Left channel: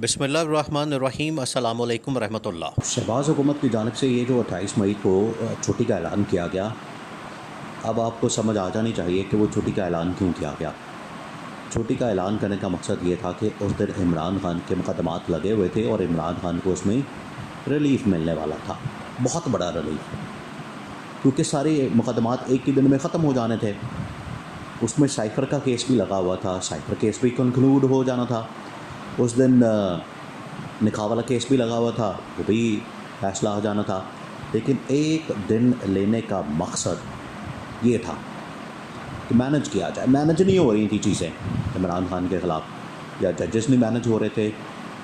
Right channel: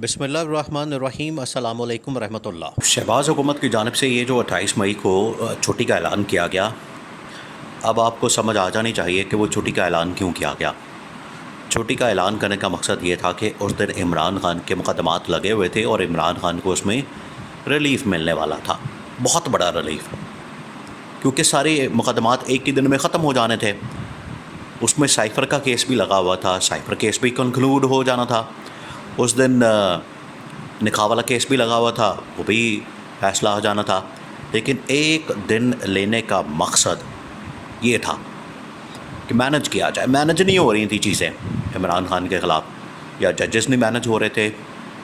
बिस्मिल्लाहिर्रहमानिर्रहीम अस्सलामु अलैकुम रहमतुल्लाह। शहबाज हुकूमत की जानिब से ये जो 28 मई को छुट्टी का ऐलान किया गया, अब आपको समझ आ जानी चाहिए कि वो छुट्टी का ऐलान क्यों किया गया। छुट्टी का ऐलान करने का मकसद ये था कि उस दिन इमरान खान के मुकदमात लगे हुए थे और इमरान खान को उसमें रिलीफ़ मिलने वाला था, बहुत बड़ा रिलीफ़, क्योंकि सारे मुकदमात एक ही दिन में ख़त्म हो जाने थे। उसमें साइफ़र का केस भी लगा हुआ था, साइफ़र केस भी कंक्लूड हो जाना था। उस दिन निकाह वाला केस भी लगा हुआ था, वो भी फैसला हो जाना था। लेकिन एक दिन लेने का मकसद ये था कि मैनेज किया जाए। मैनेज नहीं हो रही थी चीज़ें इमरान खान के ख़िलाफ़, या जजेस नहीं मैनेज हो रहे थे,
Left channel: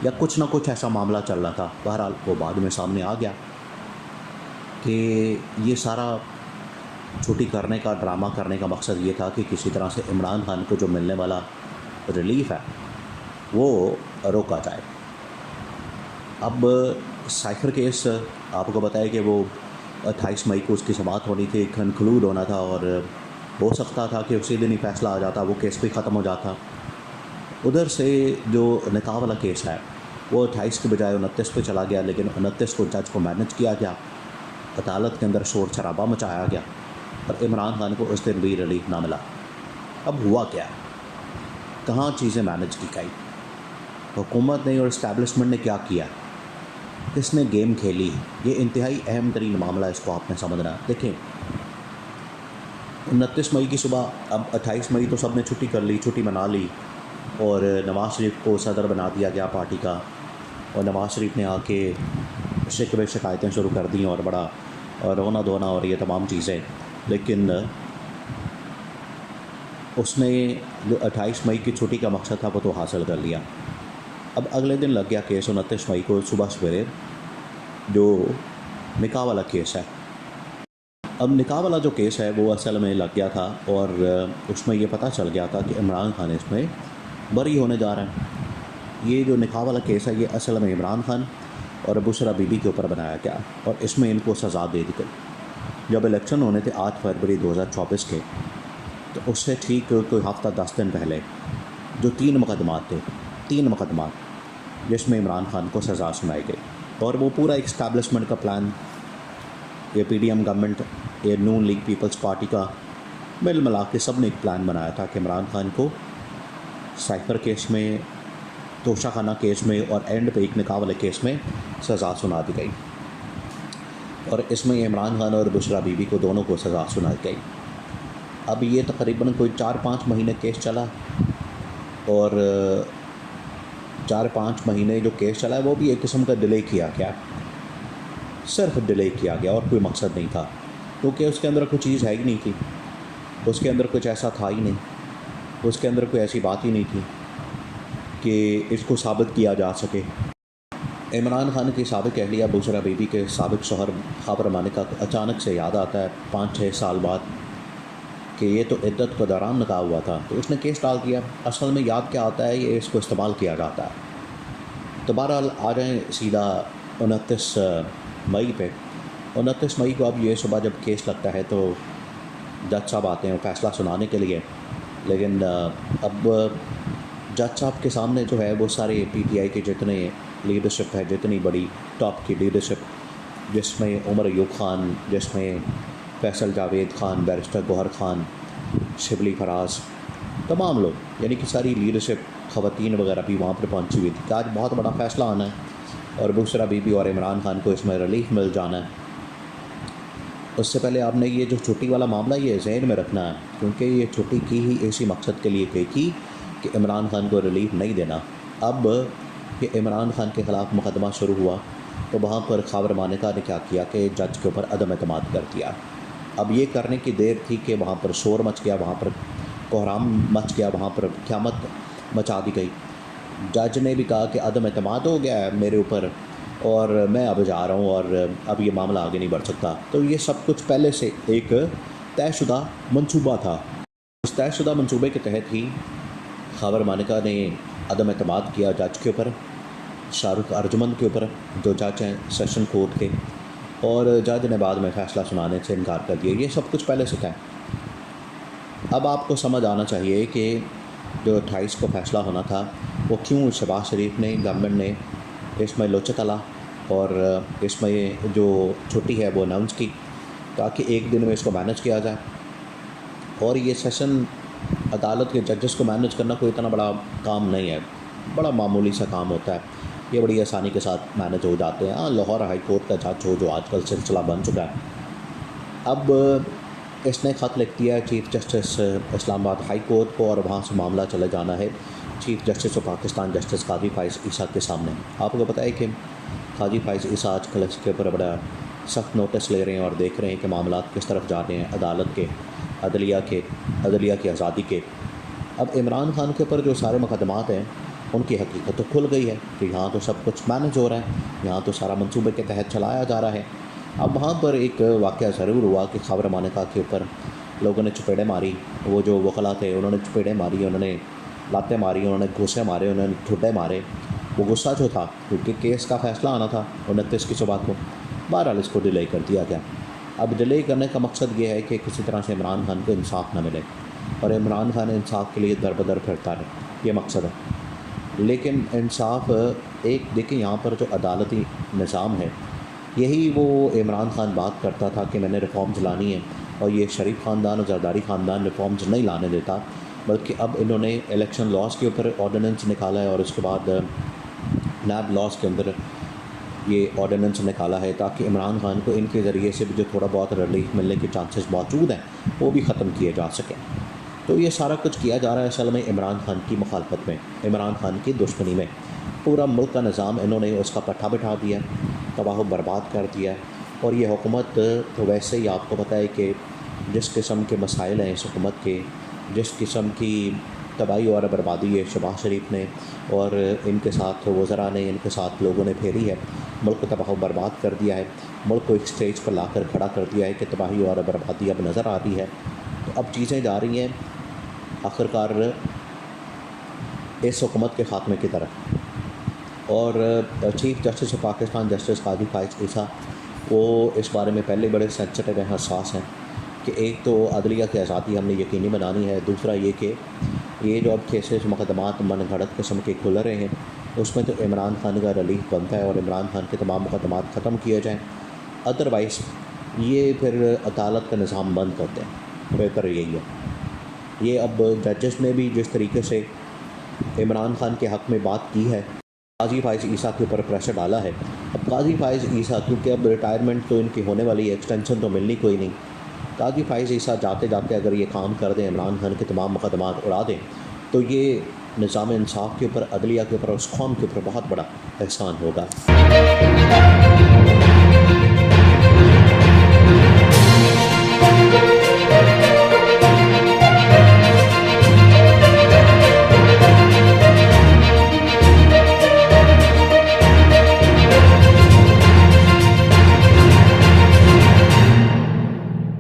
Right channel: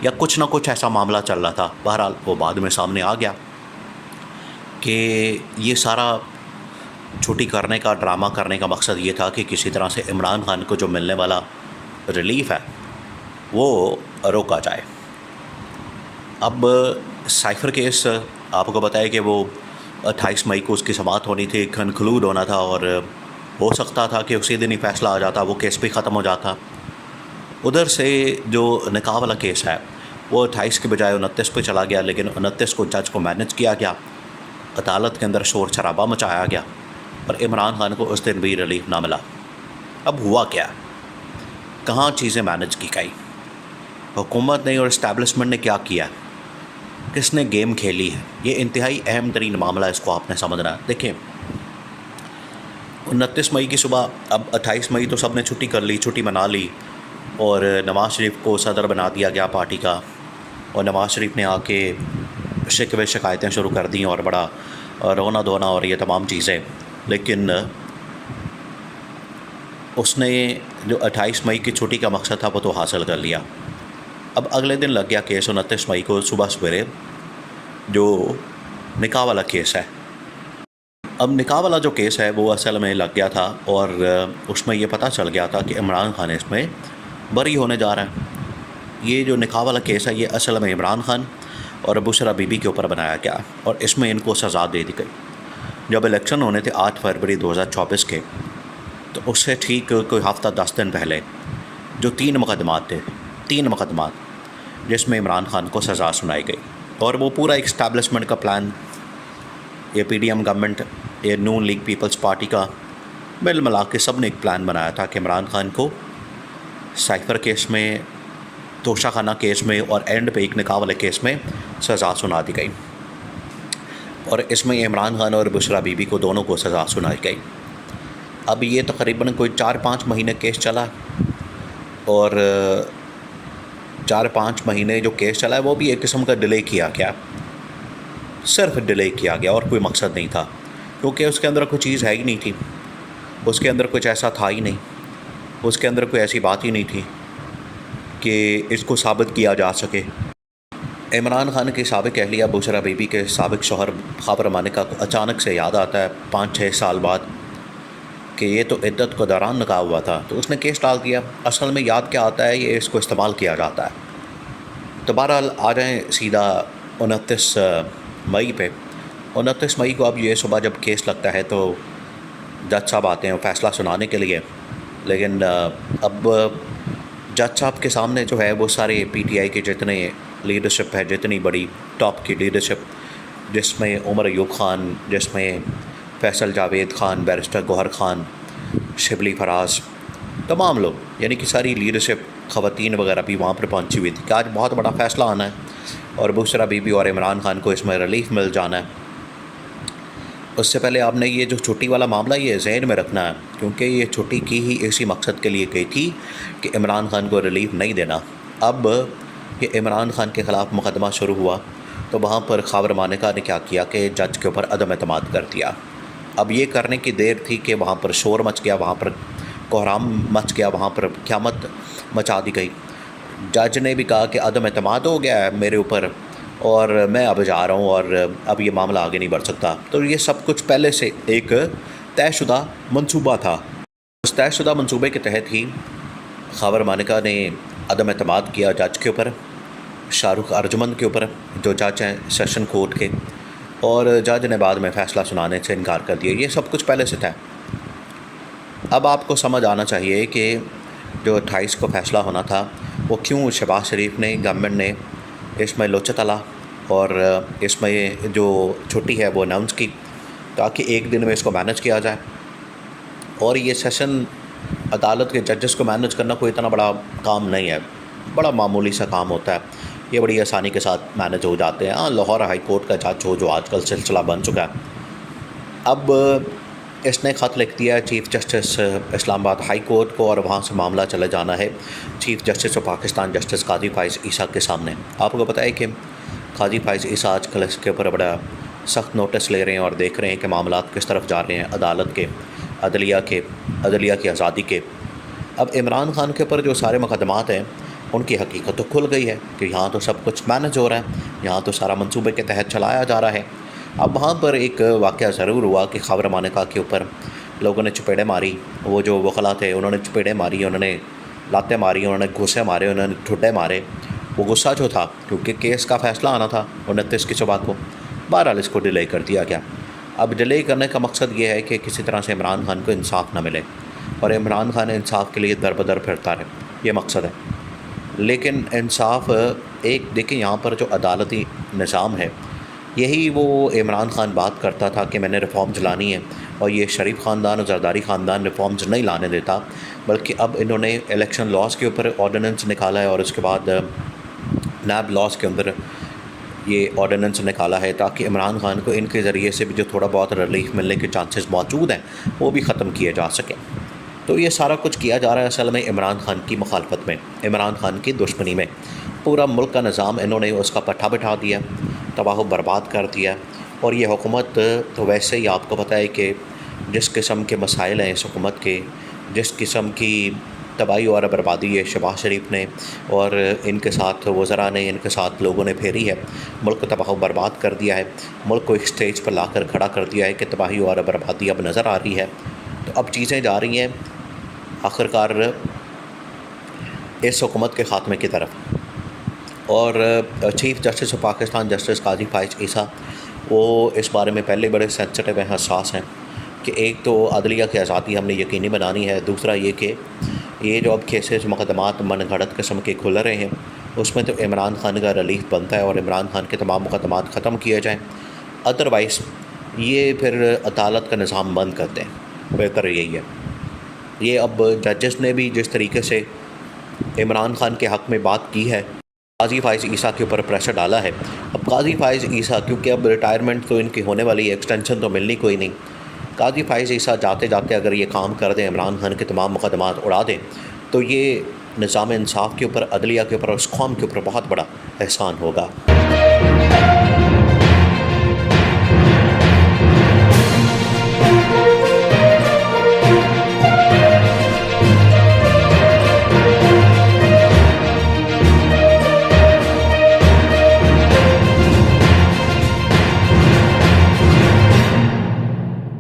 या कुछ ना कुछ ऐसा मामला चल रहा था। बहरहाल वो बाद में सामने आ गया कि ये सारा छुट्टी करने का, ड्रामा करने का मकसद ये था कि किसी तरह से इमरान खान को जो मिलने वाला रिलीफ़ है वो रोका जाए। अब साइफ़र केस आपको बताया कि वो 28 मई को उसकी समाअत होनी थी, कंक्लूड होना था, और हो सकता था कि उसी दिन ही फ़ैसला आ जाता, वो केस भी ख़त्म हो जाता। उधर से जो निकाह वाला केस है वो 28 के बजाय 29 पे चला गया, लेकिन 29 को जज को मैनेज किया गया, अदालत के अंदर शोर शराबा मचाया गया और इमरान खान को उस दिन भी रिलीफ ना मिला। अब हुआ क्या, कहाँ चीज़ें मैनेज की गई, हुकूमत ने और इस्टेब्लिशमेंट ने क्या किया, किसने गेम खेली है, ये इंतहाई अहम तरीन मामला है, इसको आपने समझना है। देखिए, 29 मई की सुबह, अब 28 मई तो सब ने छुट्टी कर ली, छुट्टी मना ली, और नवाज़ शरीफ को सदर बना दिया गया पार्टी का, और नवाज़ शरीफ ने आके शिकवे शिकायतें शुरू कर दी और बड़ा रोना धोना और ये तमाम चीज़ें। लेकिन उसने जो 28 मई की छुट्टी का मकसद था वो तो हासिल कर लिया। अब अगले दिन लग गया केस 29 मई को सुबह सवेरे, जो निकाह वाला केस है। अब निकाह वाला जो केस है वो असल में लग गया था, और उसमें ये पता चल गया था कि इमरान खान इसमें बरी होने जा रहा है। ये जो निकाह वाला केस है ये असल में इमरान खान और बुशरा बीबी के ऊपर बनाया गया, और इसमें इनको सज़ा दे दी गई। जब इलेक्शन होने थे 8 फरवरी 2024 के, तो उससे ठीक कोई हफ़्ता 10 दिन पहले जो 3 मुकदमात थे, 3 मुकदमात जिसमें इमरान खान को सज़ा सुनाई गई, और वो पूरा इस्टेब्लिशमेंट का प्लान, ये PDM गवर्नमेंट, ये नून लीग पीपल्स पार्टी का मिल मिला के सब ने एक प्लान बनाया था कि इमरान खान को साइफ़र केस में, तोशा खाना केस में, और एंड पे एक निकाह वाले केस में सज़ा सुना दी गई। और इसमें इमरान खान और बुशरा बीबी को दोनों को सज़ा सुनाई गई। अब ये तकरीबन कोई 4-5 महीने केस चला, और 4-5 महीने जो केस चला है वो भी एक किस्म का डिले किया गया, सिर्फ डिले किया गया, और कोई मकसद नहीं था, क्योंकि उसके अंदर कोई चीज़ है ही नहीं थी, उसके अंदर कुछ ऐसा था ही नहीं, उसके अंदर कोई ऐसी बात ही नहीं थी कि इसको साबित किया जा सके। इमरान खान की साबिक अहलिया बुशरा बीबी के साबिक शौहर ख़ाबर मानिका को अचानक से याद आता है 5-6 साल बाद कि ये तो इद्दत को दौरान निकाह हुआ था, तो उसने केस डाल दिया। असल में याद क्या आता है, ये इसको इस्तेमाल किया जाता है। तो बहरहाल आ जाएँ सीधा 29 मई पे। 29 मई को अब ये सुबह जब केस लगता है तो जज साहब आते हैं फ़ैसला सुनाने के लिए, लेकिन अब जज साहब के सामने जो है वो सारे PTI के जितने लीडरशिप है, जितनी बड़ी टॉप की लीडरशिप, जिसमें उमर अयूब ख़ान, जिसमें फैसल जावेद ख़ान, बैरिस्टर गौहर ख़ान, शिबली फराज, तमाम लोग, यानी कि सारी लीडरशिप, ख़वातीन वगैरह भी वहाँ पर पहुँची हुई थी कि आज बहुत बड़ा फ़ैसला आना है और बुशरा बीबी और इमरान खान को इसमें रिलीफ मिल जाना है। उससे पहले आपने ये जो छुट्टी वाला मामला ये ज़हन में रखना है, क्योंकि ये छुट्टी की ही इसी मकसद के लिए गई थी कि इमरान खान को रिलीफ नहीं देना। अब ये इमरान खान के ख़िलाफ़ मुकदमा शुरू हुआ, तो वहाँ पर ख़ाबर मानिका ने क्या किया कि जज के ऊपर अदम एतमाद कर दिया। अब ये करने की देर थी कि वहाँ पर शोर मच गया, वहाँ पर कोहराम मच गया, वहाँ पर क़यामत मचा दी गई। जज ने भी कहा कि अदम एतमाद हो गया है मेरे ऊपर, और मैं अब जा रहा हूँ, और अब ये मामला आगे नहीं बढ़ सकता। तो ये सब कुछ पहले से एक तयशुदा मंसूबा था। उस तयशुदा मंसूबे के तहत ही ख़ाबर मानिका ने अदम एतमाद किया जज के ऊपर, शाहरुख अर्जुमंद के ऊपर, जो जज हैं सेशन कोर्ट के, और जज ने बाद में फ़ैसला सुनाने से इनकार कर दिया। ये सब कुछ पहले से था। अब आपको समझ आना चाहिए कि जो 28 को फ़ैसला होना था वो क्यों शहबाज शरीफ ने गवर्नमेंट ने इसमें लोचा तला और इसमें जो छुट्टी है वो अनाउंस की ताकि एक दिन में इसको मैनेज किया जाए। और ये सेशन अदालत के जजेस को मैनेज करना कोई इतना बड़ा काम नहीं है, बड़ा मामूली सा काम होता है, ये बड़ी आसानी के साथ मैनेज हो जाते हैं। हाँ, लाहौर हाई कोर्ट का जज हो जो आजकल सिलसिला बन चुका है। अब इसने ख़त लिख दिया chief justice Islamabad high court को और वहाँ से मामला चले जाना है chief justice of Pakistan justice Qazi Faez Isa के सामने। आपको पता है कि काजी फ़ाइज़ ईसा आजकल इसके ऊपर बड़ा सख्त नोटिस ले रहे हैं और देख रहे हैं कि मामला किस तरफ जा रहे हैं अदालत के, अदलिया की आज़ादी के। अब इमरान खान के ऊपर जो सारे मुकदमात हैं उनकी हकीकत तो खुल गई है कि यहाँ तो सब कुछ मैनेज हो रहा है, यहाँ तो सारा मंसूबे के तहत चलाया जा रहा है। अब वहाँ पर एक वाक़या ज़रूर हुआ कि खबर मानिका के ऊपर लोगों ने चपेड़े मारी, वो जो वकला थे उन्होंने चपेड़े मारी, उन्होंने लातें मारी, उन्होंने घुसे मारे, उन्होंने ठुड्डे मारे। वो गुस्सा जो था क्योंकि केस का फ़ैसला आना था 29 की सुबह को, बहरहाल इसको डिले कर दिया गया। अब डिले करने का मकसद ये है कि किसी तरह से इमरान खान को इंसाफ ना मिले और इमरान खान इंसाफ के लिए दर बदर फिरता रहे, ये मकसद है। लेकिन इंसाफ एक देखिए, यहाँ पर जो अदालती निज़ाम है यही वो इमरान खान बात करता था कि मैंने रिफॉर्म्स लानी है और ये शरीफ ख़ानदान और जरदारी ख़ानदान रिफॉर्म्स नहीं लाने देता, बल्कि अब इन्होंने इलेक्शन लॉज के ऊपर ऑर्डिनेंस निकाला है और उसके बाद नैब लॉज के अंदर ये ऑर्डिनेंस निकाला है ताकि इमरान खान को इनके ज़रिए से भी जो थोड़ा बहुत रिलीफ मिलने के चांसेस मौजूद हैं वो भी ख़त्म किए जा सकें। तो ये सारा कुछ किया जा रहा है असल में इमरान खान की मुखालफत में, इमरान खान की दुश्मनी में। पूरा मुल्क का निज़ाम इन्होंने उसका पट्टा बिठा दिया, तबाह बर्बाद कर दिया। और ये हुकूमत तो वैसे ही आपको पता है कि जिस किस्म के मसाइल हैं इस हुकूमत के, जिस किस्म की तबाही और बर्बादी है शहबाज शरीफ ने और इनके साथ वज़रा ने, इनके साथ लोगों ने फेरी है, मुल्क को तबाह बर्बाद कर दिया है, मुल्क को एक स्टेज पर लाकर खड़ा कर दिया है कि तबाही और बर्बादी अब नज़र आ रही है। तो अब चीज़ें जा रही हैं आखिरकार इस हुकूमत के ख़ात्मे की तरफ। और chief justice of Pakistan justice Qazi Faez Isa वो इस बारे में पहले बड़े सेंसिटिव हैं, हसास हैं कि एक तो अदलिया की आज़ादी हमने यकीनी बनानी है, दूसरा ये कि ये जो अब केसेस मुकदमात मनगढ़ंत किस्म के खुल रहे हैं उसमें तो इमरान खान का रिलीफ बनता है और इमरान खान के तमाम मुकदमात ख़त्म किए जाएँ, अदरवाइज़ ये फिर अदालत का निज़ाम बंद कर दें, बेहतर यही है। ये अब जजेस ने भी जिस तरीके से इमरान खान के हक़ में बात की है, काजी फ़ाइज़ ईसा के ऊपर प्रेशर डाला है। अब काजी फ़ाइज़ ईसा क्योंकि अब रिटायरमेंट तो इनकी होने वाली है, एक्सटेंशन तो मिलनी कोई नहीं, काजी फ़ाइज़ ईसा जाते जाते अगर ये काम कर दें, इमरान खान के तमाम मुकदमात उड़ा दें, तो ये निज़ाम इंसाफ के ऊपर, अदलिया के ऊपर और उस कौम के ऊपर बहुत बड़ा एहसान होगा।